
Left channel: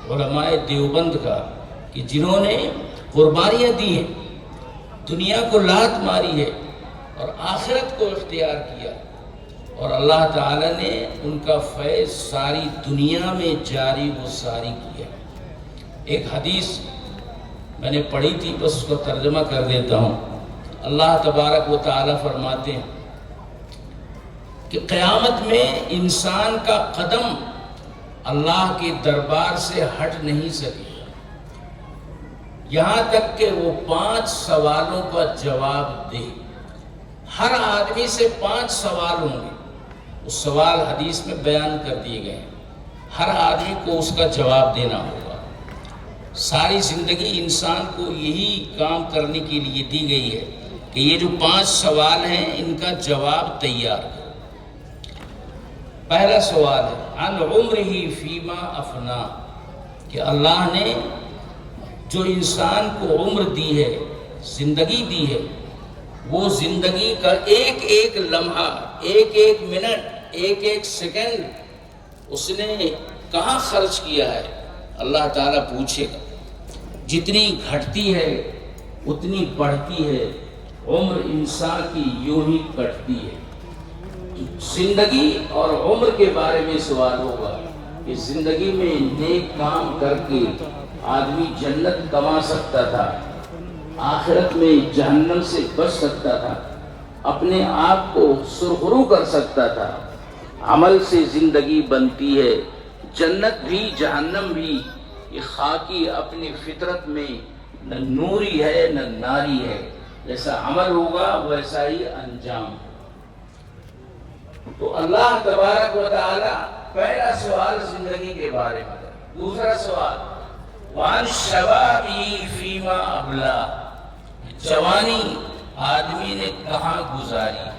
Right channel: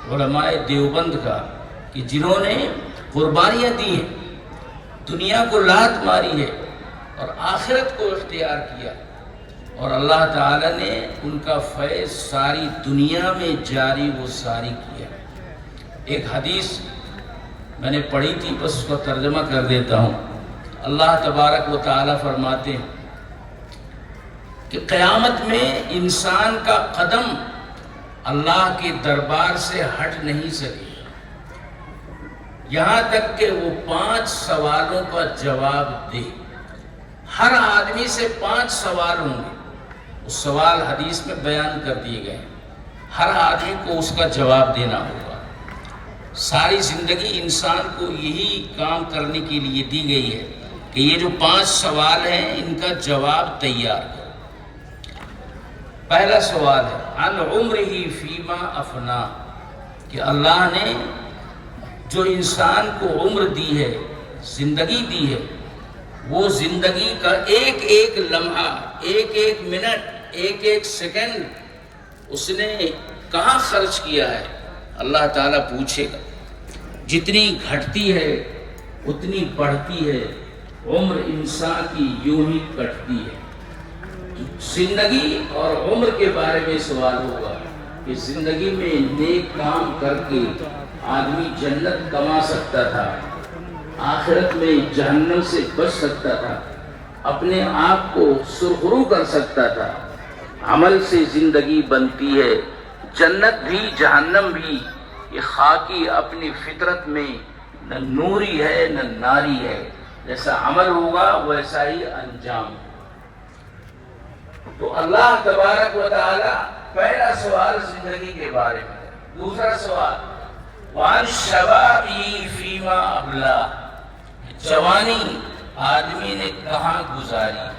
علماء دیوبند کا، کہ جنہوں نے قربانیاں دی ہیں، دنیا کو لات ماری ہے اور آخرت کو اختیار کیا، اور اللہ تعالیٰ نے ان کا فیض ساری دنیا میں جاری و ساری کیا۔ ایک حدیث میں نے پڑھی تھی، بس اس کا ترجمہ کر دیتا ہوں۔ اللہ تبارک و تعالیٰ فرماتے ہیں کہ قیامت میں انسان کا قدم اللہ کے دربار سے ہٹ نہیں سکے یہاں تک کہ وہ 5 سوالوں کا جواب دے۔ ہر آدمی سے 5 سوال ہوں گے، وہ سوال حدیث میں بیان کر دیے گئے ہیں، ہر آدمی کو اس کا جواب دینا ہوگا۔ ساری زندگی انسان کو یہی کام کرنے کے لیے دی گئی ہے کہ یہ جو 5 سوال ہیں ان کا جواب تیار کرو۔ پہلا سوال ہے عن عمرہ فیما افنا، کہ اللہ نے جو انسان کو عمر دی ہے، زندگی دی ہے، وہ زندگی کا ایک ایک لمحہ، ایک ایک منٹ، ایک ایک سیکنڈ اس نے کہاں خرچ کیا ہے، اللہ تعالیٰ پوچھے گا۔ جتنی گھٹتی ہے اتنی بڑھتی ہے، عمر انسان کی یوں ہی کٹتی ہے۔ زندگی اور عمر کے بارے میں سوال ہوگا کہ زندگی میں نیک کام کر کے آدمی جنت کما سکتا تھا، آخرت میں جہنم سے بچ سکتا تھا، اپنے آپ کو سرخرو کر سکتا تھا۔ عمل سے زندگی بنتی ہے، جنت بھی جہنم بھی یہ خاکی اپنی فطرت میں نہ نوری ہے نہ ناری ہے، جیسا عمل ہوگا ویسا ہی انجام۔ تو اللہ تبارک و تعالی پہلا سوال زندگی کے بارے میں۔ دوسرا سوال وعن شبابی فیما ابلا، جوانی آدمی نے کہاں گزاری،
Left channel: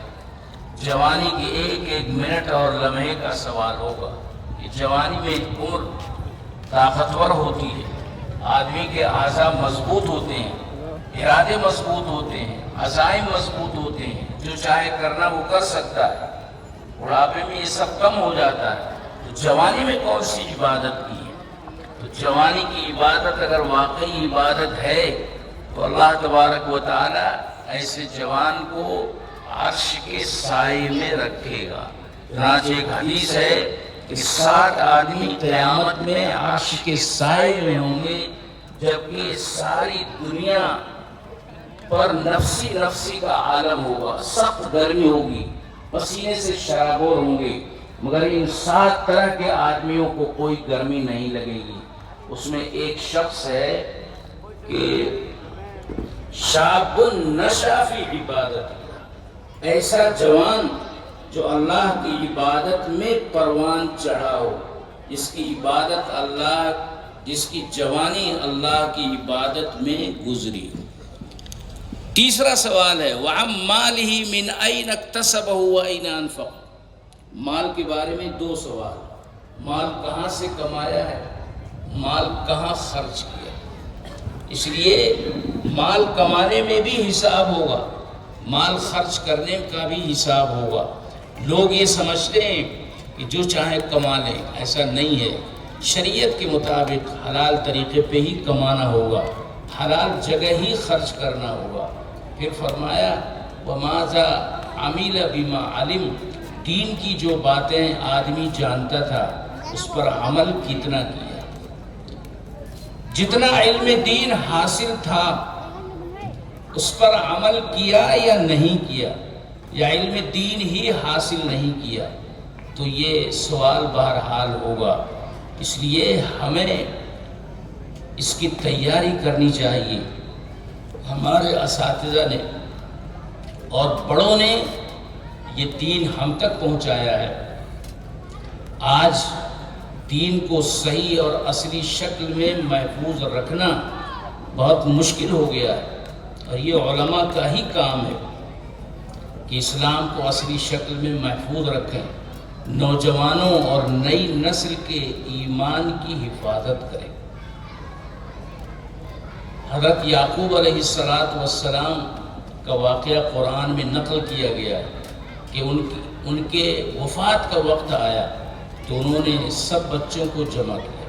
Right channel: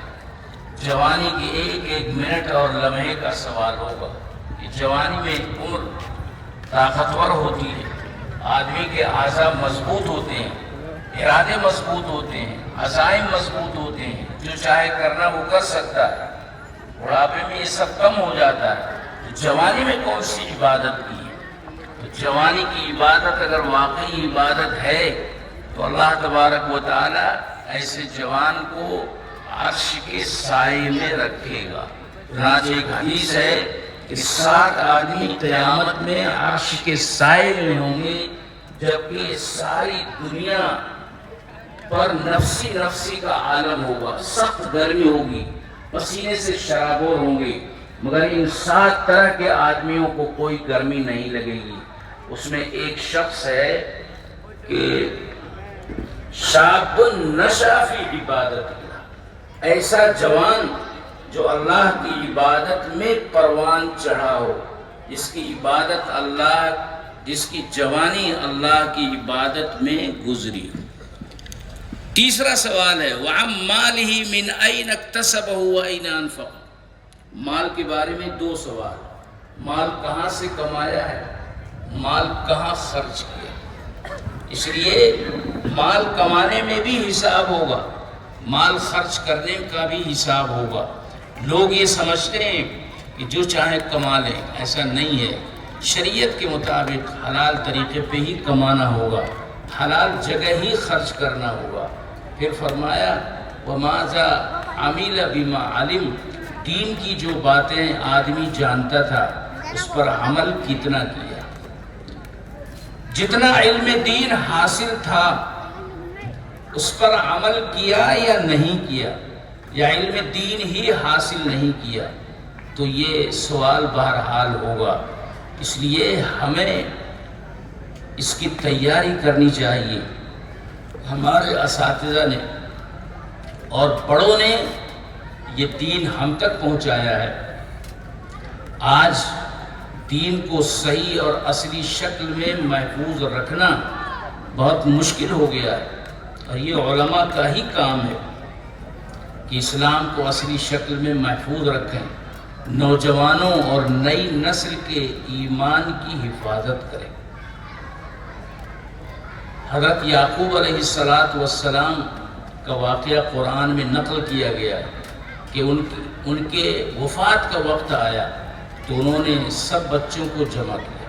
جوانی کے ایک ایک منٹ اور لمحے کا سوال ہوگا۔ کہ جوانی میں عمر طاقتور ہوتی ہے، آدمی کے اعضاء مضبوط ہوتے ہیں، ارادے مضبوط ہوتے ہیں، عزائم مضبوط ہوتے ہیں، جو چاہے کرنا وہ کر سکتا ہے۔ بڑھاپے میں یہ سب کم ہو جاتا ہے۔ تو جوانی میں کون سی عبادت کی ہے؟ تو جوانی کی عبادت اگر واقعی عبادت ہے تو اللہ تبارک و تعالی ایسے جوان کو عرش کے سائے میں رکھے گا۔ چنانچہ ایک حدیث ہے کہ 7 آدمی قیامت میں عرش کے سائے میں ہوں گے، جبکہ ساری دنیا پر نفسی نفسی کا عالم ہوگا، سخت گرمی ہوگی، پسینے سے شرابور ہوں گے، مگر ان 7 طرح کے آدمیوں کو کوئی گرمی نہیں لگے گی۔ اس میں ایک شخص ہے کہ شاب نشا فی عبادت اللہ، ایسا جوان جو اللہ کی عبادت میں پروان چڑھا ہو، جس کی عبادت اللہ، جس کی جوانی اللہ کی عبادت میں گزری۔ تیسرا سوال ہے وَعَمْ مَالِهِ مِنْ أَيْنَ اكْتَسَبَهُ وَأَيْنَ أَنْفَقَهُ، مال کے بارے میں 2 سوال، مال کہاں سے کمایا ہے، مال کہاں خرچ کیا۔ اس لیے مال کمانے میں بھی حساب ہوگا، مال خرچ کرنے کا بھی حساب ہوگا۔ لوگ یہ سمجھتے ہیں کہ جو چاہے کما لیں، ایسا نہیں ہے۔ شریعت کے مطابق حلال طریقے پہ ہی کمانا ہوگا، حلال جگہ ہی خرچ کرنا ہوگا۔ پھر فرمایا وَمَاذَا عَمِلَ بِمَا عَلِمَ، دین کی جو باتیں آدمی جانتا تھا اس پر عمل کتنا کیا، جتنا علم دین حاصل تھا اس پر عمل کیا یا نہیں کیا، یا علم دین ہی حاصل نہیں کیا، تو یہ سوال بہرحال ہوگا۔ اس لیے ہمیں اس کی تیاری کرنی چاہیے۔ ہمارے اساتذہ نے اور بڑوں نے یہ دین ہم تک پہنچایا ہے۔ آج دین کو صحیح اور اصلی شکل میں محفوظ رکھنا بہت مشکل ہو گیا ہے، اور یہ علماء کا ہی کام ہے کہ اسلام کو اصلی شکل میں محفوظ رکھیں، نوجوانوں اور نئی نسل کے ایمان کی حفاظت کریں۔ حضرت یعقوب علیہ السلام کا واقعہ قرآن میں نقل کیا گیا ہے کہ ان کے وفات کا وقت آیا تو انہوں نے سب بچوں کو جمع کیا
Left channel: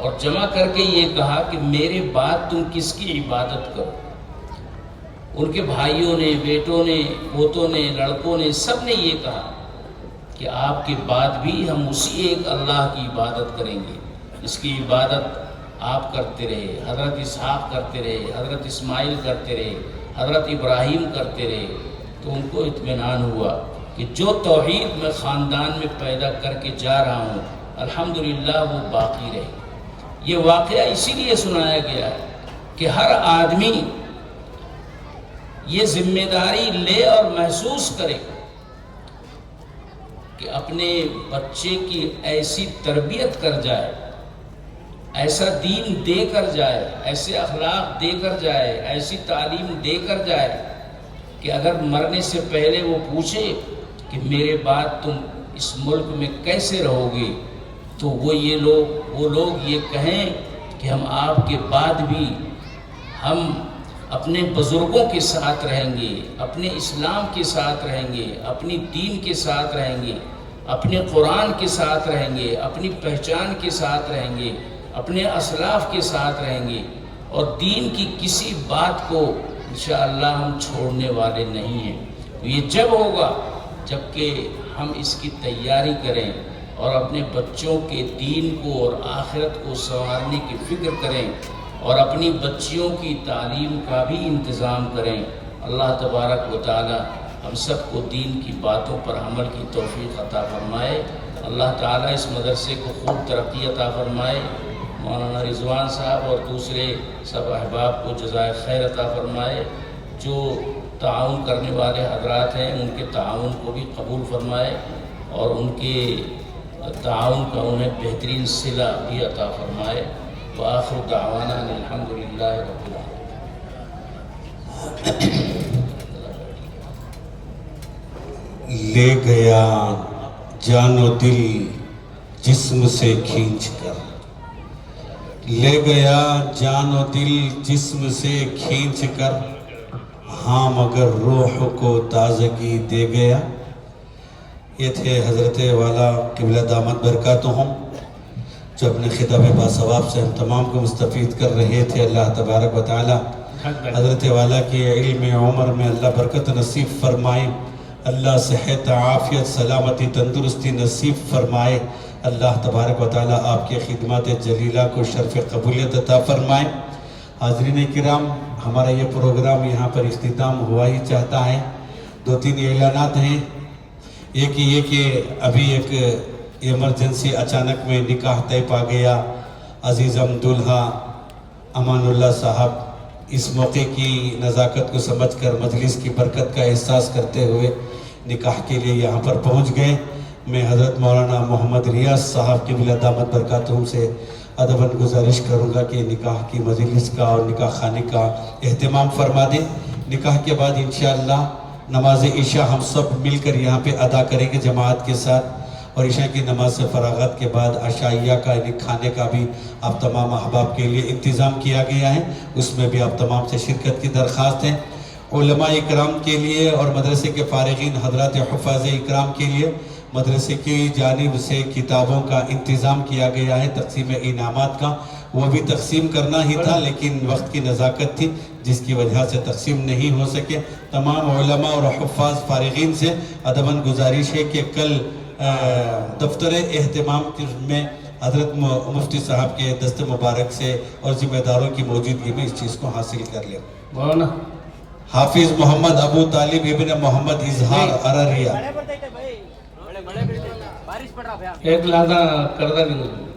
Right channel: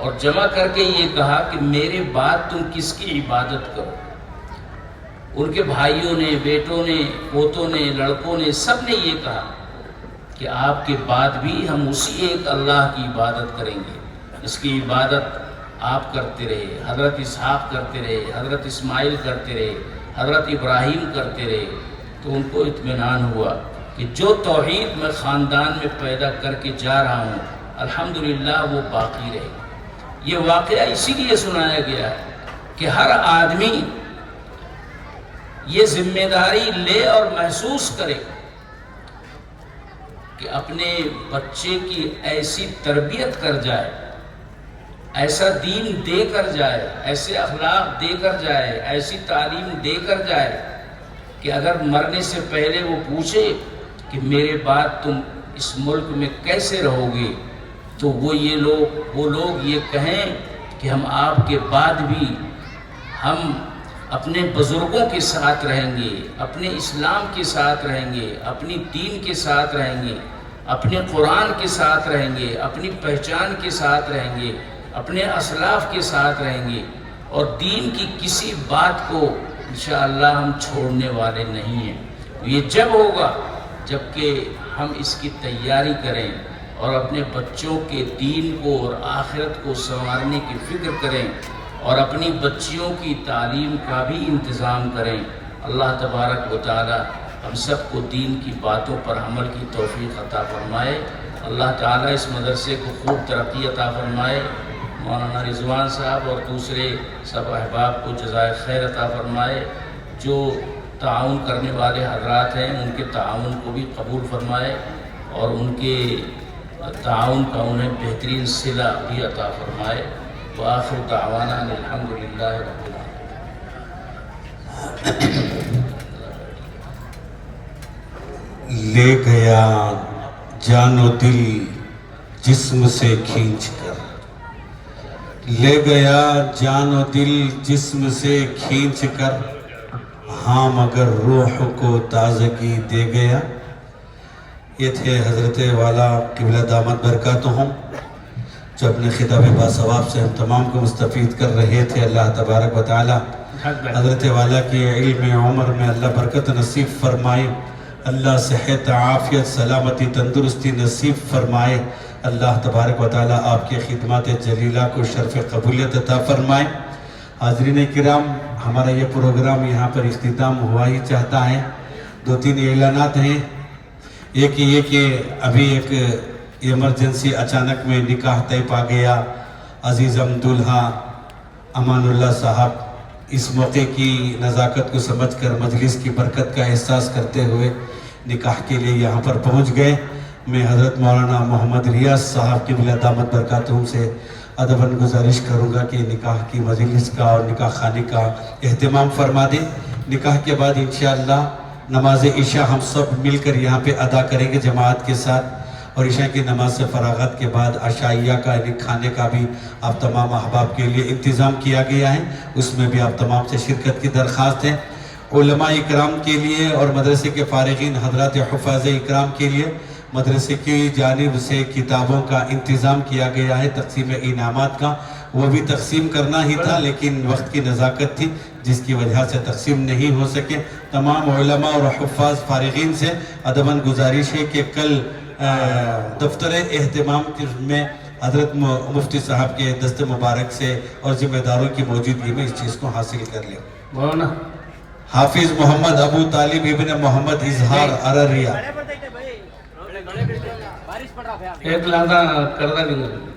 اور جمع کر کے یہ کہا کہ میرے بعد تم کس کی عبادت کرو۔ ان کے بھائیوں نے، بیٹوں نے، پوتوں نے، لڑکوں نے، سب نے یہ کہا کہ آپ کے بعد بھی ہم اسی ایک اللہ کی عبادت کریں گے، اس کی عبادت آپ کرتے رہے، حضرت اسحاق کرتے رہے، حضرت اسماعیل کرتے رہے، حضرت ابراہیم کرتے رہے۔ تو ان کو اطمینان ہوا کہ جو توحید میں خاندان میں پیدا کر کے جا رہا ہوں الحمدللہ وہ باقی رہے. یہ واقعہ اسی لیے سنایا گیا ہے کہ ہر آدمی یہ ذمہ داری لے اور محسوس کرے کہ اپنے بچے کی ایسی تربیت کر جائے، ایسا دین دے کر جائے، ایسے اخلاق دے کر جائے، ایسی تعلیم دے کر جائے کہ اگر مرنے سے پہلے وہ پوچھے کہ میرے بعد تم اس ملک میں کیسے رہو گے، تو وہ لوگ یہ کہیں کہ ہم آپ کے بعد بھی ہم اپنے بزرگوں کے ساتھ رہیں گے، اپنے اسلام کے ساتھ رہیں گے، اپنی دین کے ساتھ رہیں گے، اپنے قرآن کے ساتھ رہیں گے، اپنی پہچان کے ساتھ رہیں گے، اپنے اسلاف کے ساتھ رہیں گے، اور دین کی کسی بات کو انشاءاللہ ہم چھوڑنے والے نہیں ہیں. یہ جب ہوگا جبکہ ہم اس کی تیاری کریں اور اپنے بچوں کے دین کو اور آخرت کو سنوارنے کی فکر کریں اور اپنی بچیوں کی تعلیم کا بھی انتظام کریں. اللہ تبارک و تعالی ہم سب کو دین کی باتوں پر عمل کی توفیق عطا فرمائے. اللہ تعالی اس مدرسے کو خوب ترقی عطا فرمائے. مولانا رضوان صاحب اور دوسرے سب احباب کو جزائے خیر عطا فرمائے. جو تعاون کرنے والے حضرات ہیں ان کے تعاون کو بھی قبول فرمائے اور ان کے تعاون کا انہیں بہترین صلہ بھی عطا فرمائے. وآخر دعوانا الحمدللہ رب العالمین. لے گیا جان و دل جسم سے کھینچ کر، لے گیا جان و دل جسم سے کھینچ کر، ہاں مگر روح کو تازگی دے گیا. یہ تھے حضرت والا قبلہ دامت برکاتہم جو اپنے خطاب باثواب سے ہم تمام کو مستفید کر رہے تھے. اللہ تبارک و تعالی حضرت والا کی علم عمر میں اللہ برکت نصیب فرمائے، اللہ صحت عافیت سلامتی تندرستی نصیب فرمائے. اللہ تبارک و تعالی آپ کے خدمات جلیلہ کو شرف قبولیت عطا فرمائے. حاضرین کرام، ہمارا یہ پروگرام یہاں پر اختتام ہوا ہی چاہتا ہے. 2-3 اعلانات ہیں. ایک یہ کہ ابھی ایک ایمرجنسی اچانک میں نکاح طے پا گیا. عزیزم دولہا امان اللہ صاحب اس موقع کی نزاکت کو سمجھ کر مجلس کی برکت کا احساس کرتے ہوئے نکاح کے لیے یہاں پر پہنچ گئے. میں حضرت مولانا محمد ریاض صاحب قبلہ دامت برکاتہم سے ادباً گزارش کروں گا کہ نکاح کی مجلس کا اور نکاح خانے کا اہتمام فرما دیں. نکاح کے بعد انشاءاللہ نماز عشاء ہم سب مل کر یہاں پہ ادا کریں گے جماعت کے ساتھ، اور عشاء کی نماز سے فراغت کے بعد عشائیہ کا یعنی کھانے کا بھی آپ تمام احباب کے لیے انتظام کیا گیا ہے. اس میں بھی آپ تمام سے شرکت کی درخواست ہے. علماء اکرام کے لیے اور مدرسے کے فارغین حضرات حفاظ اکرام کے لیے مدرسے کی جانب سے کتابوں کا انتظام کیا گیا ہے. تقسیم انعامات کا وہ بھی تقسیم کرنا ہی تھا لیکن وقت کی نزاکت تھی جس کی وجہ سے تقسیم نہیں ہو سکے. تمام علماء اور حفاظ فارغین سے ادباً گزارش ہے کہ کل دفتر اہتمام میں حضرت مفتی صاحب کے دست مبارک سے اور ذمہ داروں کی موجودگی میں اس چیز کو حاصل کر لیں. مولانا حافظ محمد ابو طالب ابن محمد اظہار ارریہ. ایک لہذا کردہ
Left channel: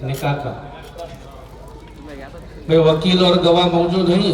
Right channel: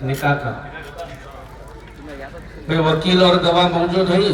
نکاح کا بھئی وکیل اور گواہ موجود ہیں.